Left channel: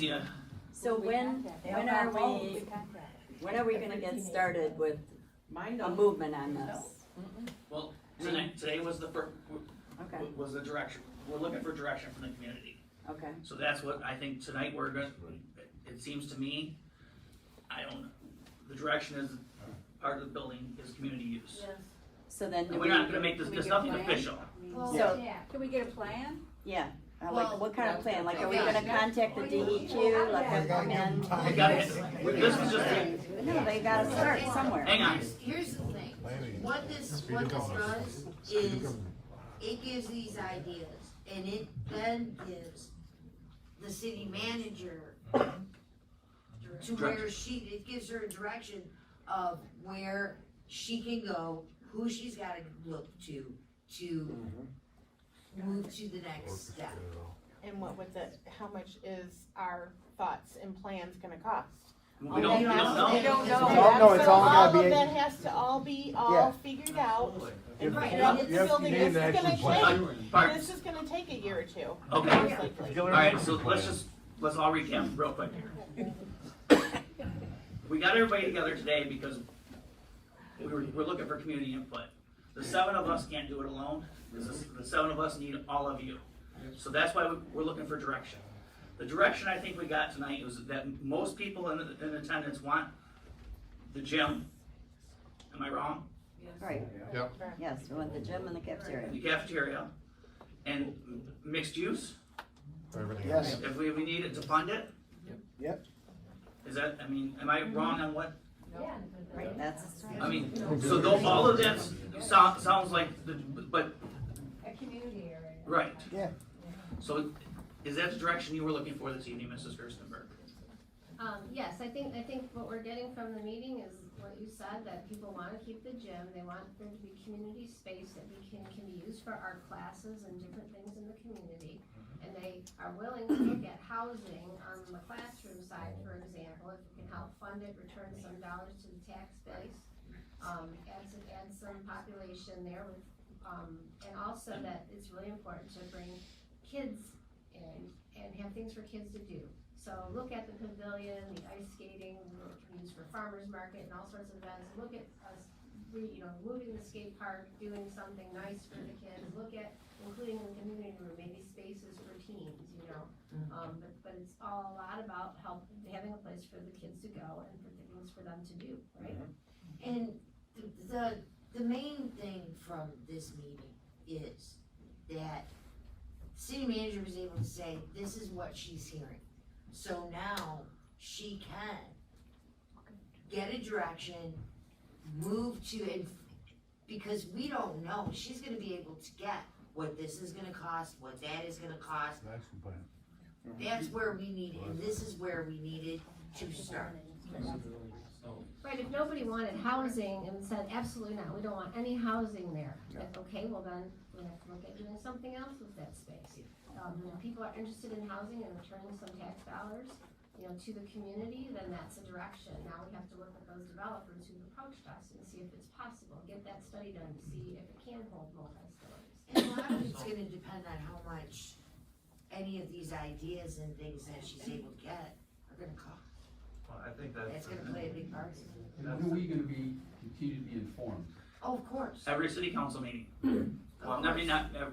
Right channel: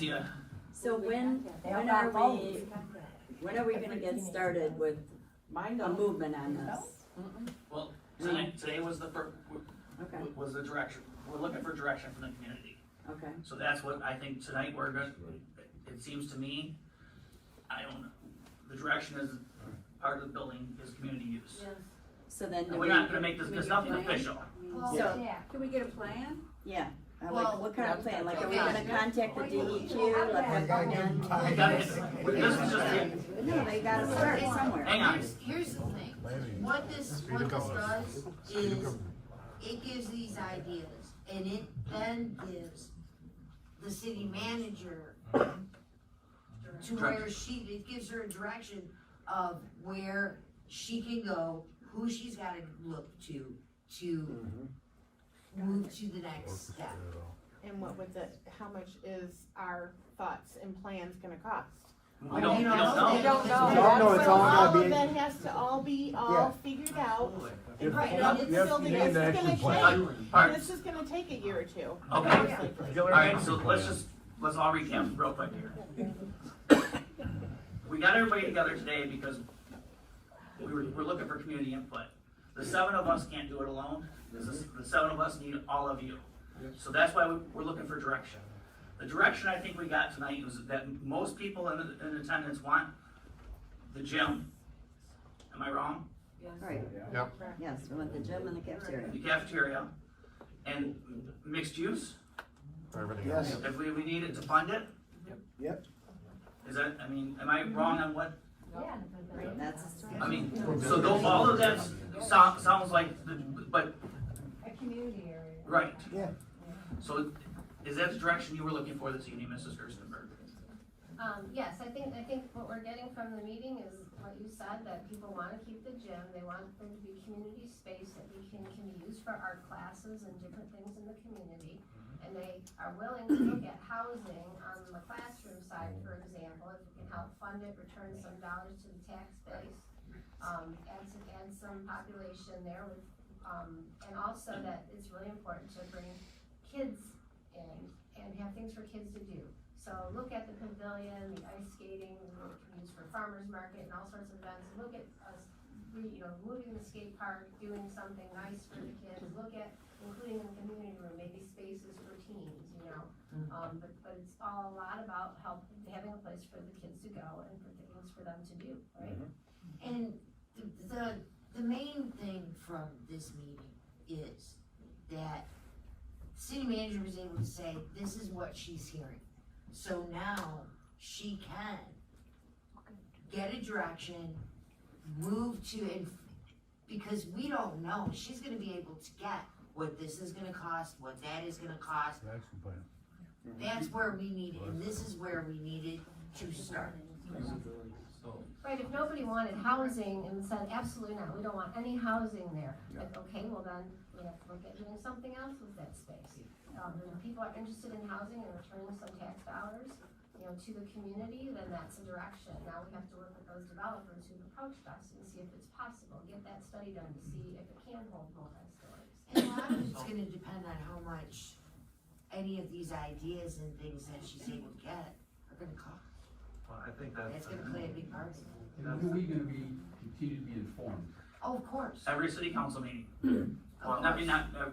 Yeah. So when are we gonna get started with a movement on this? Well, today was the first, Okay, was the direction. We're looking for direction from the community. okay. So that's what I think tonight we're gonna, it seems to me, I don't know, the direction is part of the building is community use. So then do And we? we're not gonna make this nothing official. So, Can we get a plan? yeah, like Well, what kind of plan? Like, are we okay. gonna contact the DEQ, let them come in? We gotta- This is just it. No, they gotta start somewhere. Hang on. Here's the thing, what this does is, it gives these ideas, and it then gives the city manager to where it gives her a direction of where she can go, who she's gotta look to move to the next step. And what was it, how much is our thoughts and plans gonna cost? We don't know. We don't know. You don't know, it's all gotta All of be- that has to all be figured out. And Right, put up and the it's- building, you need this an is gonna action plan. take, Alright. this is gonna take a year or two. Okay. most likely. Alright, so let's all recap real quick here. We got everybody together today because we're looking for community input. The 7 of us can't do it alone. The 7 of us need all of you. So that's why we're looking for direction. The direction I think we got tonight was that most people in attendance want the gym. Am I wrong? Right, yes, we want the gym and the cafeteria. The cafeteria and mixed use. Yes, If we need it to fund it. Yep. Is that, I mean, am I wrong on what? Right, that's, I mean, so those, all of that sounds like, but, A community area. right. Yeah. So is that the direction you were looking for this evening, Mrs. Gerstenberg? Yes, I think what we're getting from the meeting is what you said, that people wanna keep the gym, they want there to be community space that can be used for art classes and different things in the community. And they are willing to look at housing on the classroom side, for example, if we can help fund it, return some dollars to the tax base. Add some population there with, and also that it's really important to bring kids in and have things for kids to do. So look at the pavilion, the ice skating, which we use for farmers market and all sorts of events. Look at us, moving the skate park, doing something nice for the kids. Look at including in the community room, maybe spaces for teens, but it's all a lot about having a place for the kids to go and for things for them to do, right? And the main thing from this meeting is that city manager was able to say, this is what she's hearing. So now she can get a direction, move to, because we don't know, she's gonna be able to get what this is gonna cost, what that is gonna cost. That's where we need it, and this is where we needed to start. Right, if nobody wanted housing and said, absolutely not, we don't want any housing there, like, okay, well then, we have to look at doing something else with that space. And if people are interested in housing and returning some tax dollars, to the community, then that's a direction. Now we have to work with those developers who've approached us and see if it's possible, get that study done to see if it can hold multi-stories. And a lot of it's gonna depend on how much any of these ideas and things that she's able to get are gonna cost. Well, I think that's. That's gonna play a big part. And when are we gonna continue to be informed? Oh, of course. Every city council meeting. Well, I mean,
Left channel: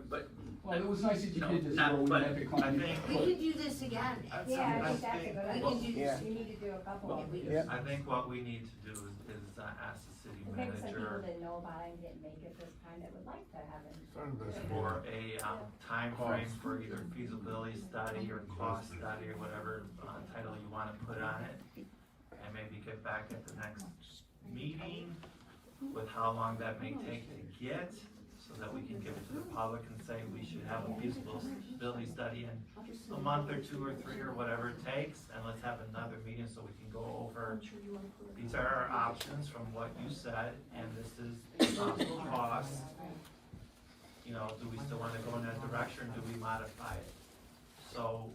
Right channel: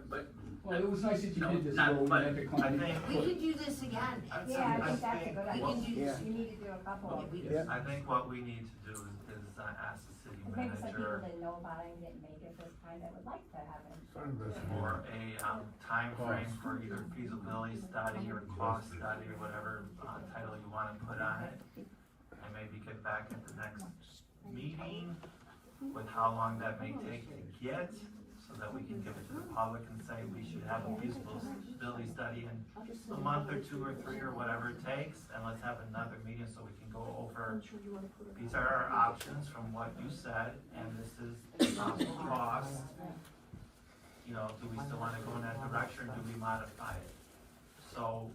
but, Well, it was nice that you No, did this, not- where we but had to I come. think- We could do this again at some Yeah, I point. think that's a good We idea. can do this. You need to do a couple of We- Yeah. I think what we need to do is ask the city Maybe some people manager didn't know about it and didn't make it this time that would like to have it. for a, timeframe for either feasibility study or cost study or whatever, title you wanna put on it. And maybe get back at the next meeting with how long that may take to get, so that we can give it to the public and say we should have a feasibility study in a month or 2 or 3 or whatever it takes, and let's have another meeting so we can go over, these are our options from what you said, and this is the possible cost. Do we still wanna go in that direction, or do we modify it? So,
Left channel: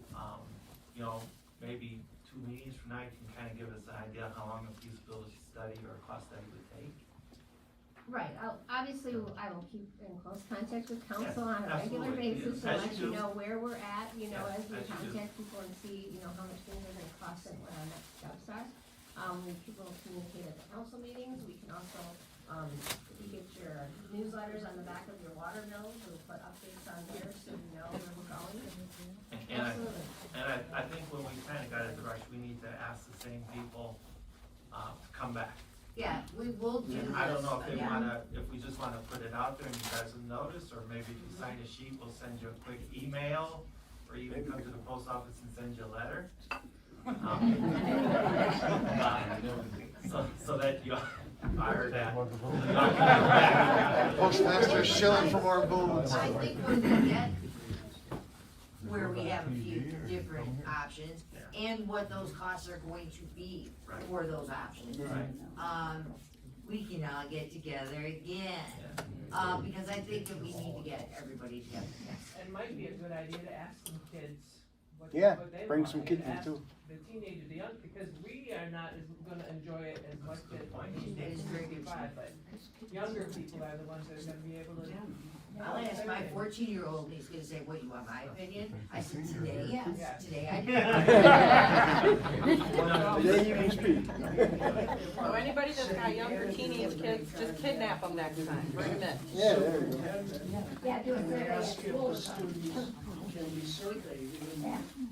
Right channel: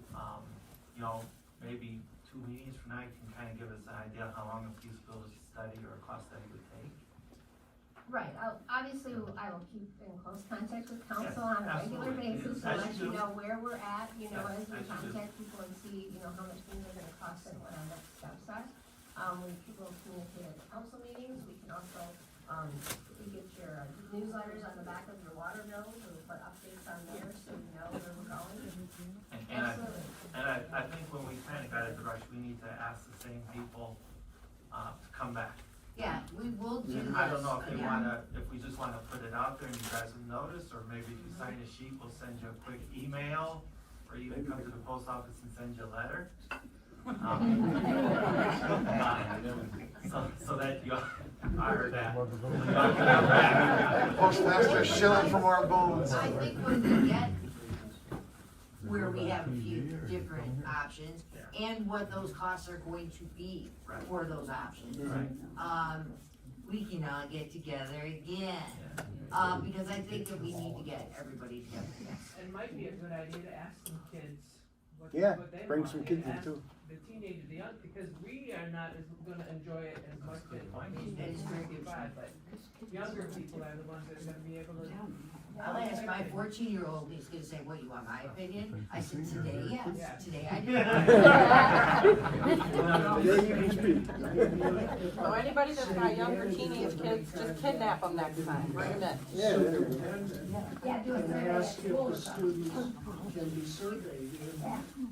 maybe 2 meetings from now, you can kinda give us an idea how long a feasibility study or a cost study would take. Right, obviously, I will keep in close contact with council on a regular absolutely. basis to As let you you do. know where we're at, you know, Yes, as we as you do. contact people and see, you know, how much things are gonna cost and what our next steps are. When people communicate at the council meetings, we can also, if you get your newsletters on the back of your water bills, we'll put updates on there so you know where we're going. Absolutely. And I think when we kinda got it rushed, we need to ask the same people, to come back. Yeah, we will do this. I don't know if they again. if we just wanna put it out there and you guys will notice, or maybe if you sign a sheet, we'll send you a quick email, or even come to the post office and send you a letter. So that you, I heard that. Postmaster shilling from our bones. I think when we get where we have a few different options and what those costs are going to be for those options. Right. We can all get together again, because I think that we need to get everybody together. It might be a good idea to ask some kids what, Yeah, what they bring want, some and kids in ask too. the teenagers, the young, because we are not as gonna enjoy it as much as That is very good. 55, but younger people are the ones that are gonna be able to. I'll ask my 14-year-old, he's gonna say, what, you want my opinion? I said, today, Yeah. yes, today I do. Today you can speak. So anybody that's got younger teenage kids, just kidnap them next time, bring them in. Yeah, there we go. Yeah, do it. Ask if the students can be surveyed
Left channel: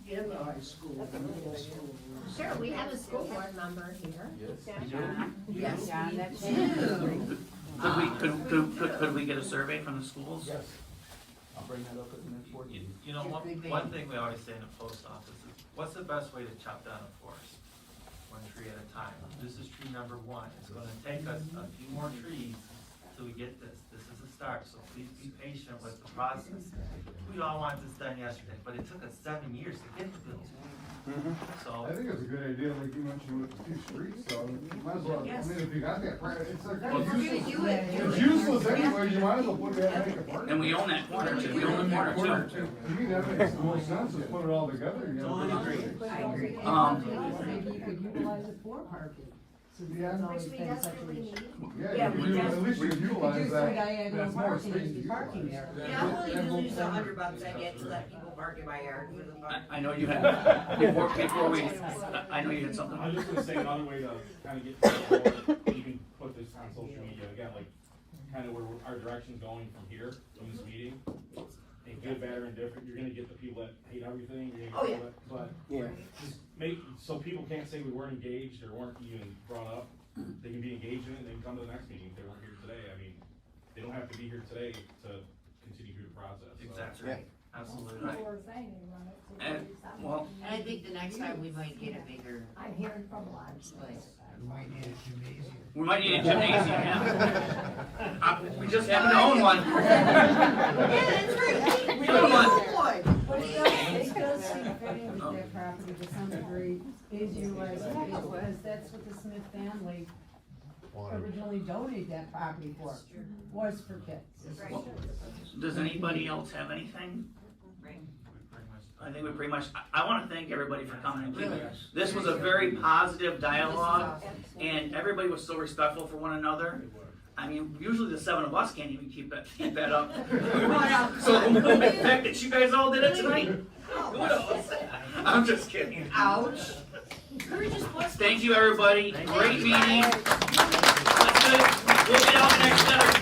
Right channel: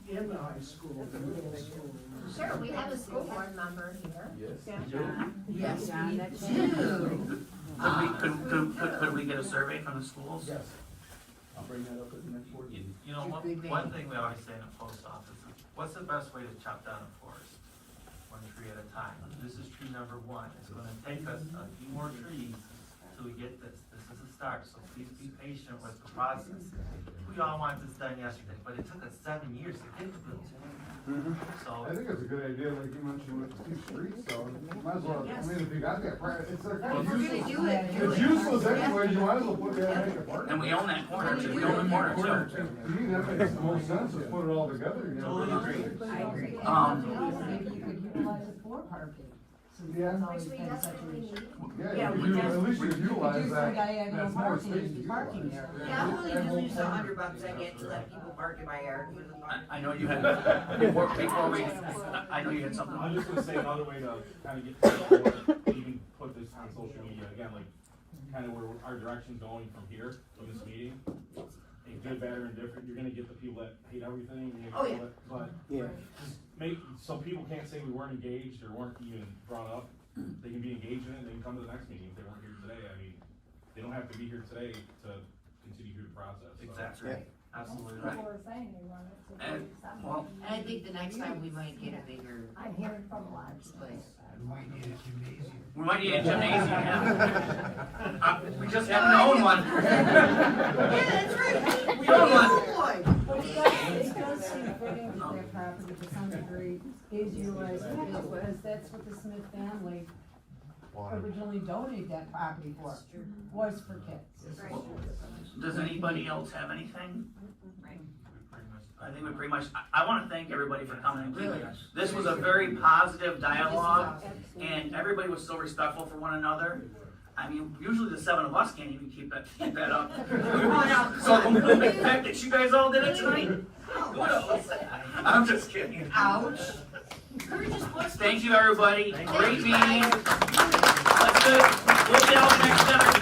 in the high school, the middle school. Sure, we have a school board member here. Yes, John, we that's do. Could we get a survey from the schools? Yes. I'll bring that up at the next board meeting. You know, one thing we always say in the post office is, what's the best way to chop down a forest? One tree at a time. This is tree number one. It's gonna take us a few more trees till we get this. This is the start, so please be patient with the process. We all want this done yesterday, but it took us 7 years to get the bill. So, I think it's a good idea, like you mentioned with the two streets, so might as well, I mean, if you guys got, it's If we're gonna do it, do It's it. useless anyways, you might as well put that, make it park. And we own that corner too, we own the corner too. To me, that makes the most sense, is put it all together, you know. Totally agree. I agree. Maybe you could utilize it for parking. Yeah. Which we desperately need. Yeah, you could, at least you utilize that, that's more Parking, space to be parking utilize. there. Yeah, I'm willing to lose the $100 I get to let people park in my yard for the park. I know you had, before we, I know you had something. I'm just gonna say another way to kind of get to the board, you can put this on social media, again, like, kind of where our direction's going from here, from this meeting. And good, bad, or indifferent, you're gonna get the people that hate everything, you're Oh, gonna get yeah. people that, Yeah. but just make, so people can't say we weren't engaged or weren't even brought up. They can be engaged in it, they can come to the next meeting if they weren't here today, I mean, they don't have to be here today to continue through the process, so. exactly, absolutely right. People are saying they want it, so And, maybe stop well, it. And I think the next time we might get a bigger I'm hearing from a lot of display. we might need a gymnasium, yeah. We just haven't owned one. Yeah, that's right. We don't have one. But it does seem fitting that that property to some degree is utilized for kids, because that's what the Smith family originally donated that property for, was for kids. Does anybody else have anything? I think we pretty much, I wanna thank everybody for coming and keeping. This was a very positive dialogue, and everybody was so respectful for one another. I mean, usually the 7 of us can't even keep that up. So the fact that you guys all did it tonight, kudos. I'm just kidding. Ouch. We were just busting. Thank you, everybody. Great meeting. Let's do it. We'll get out next time.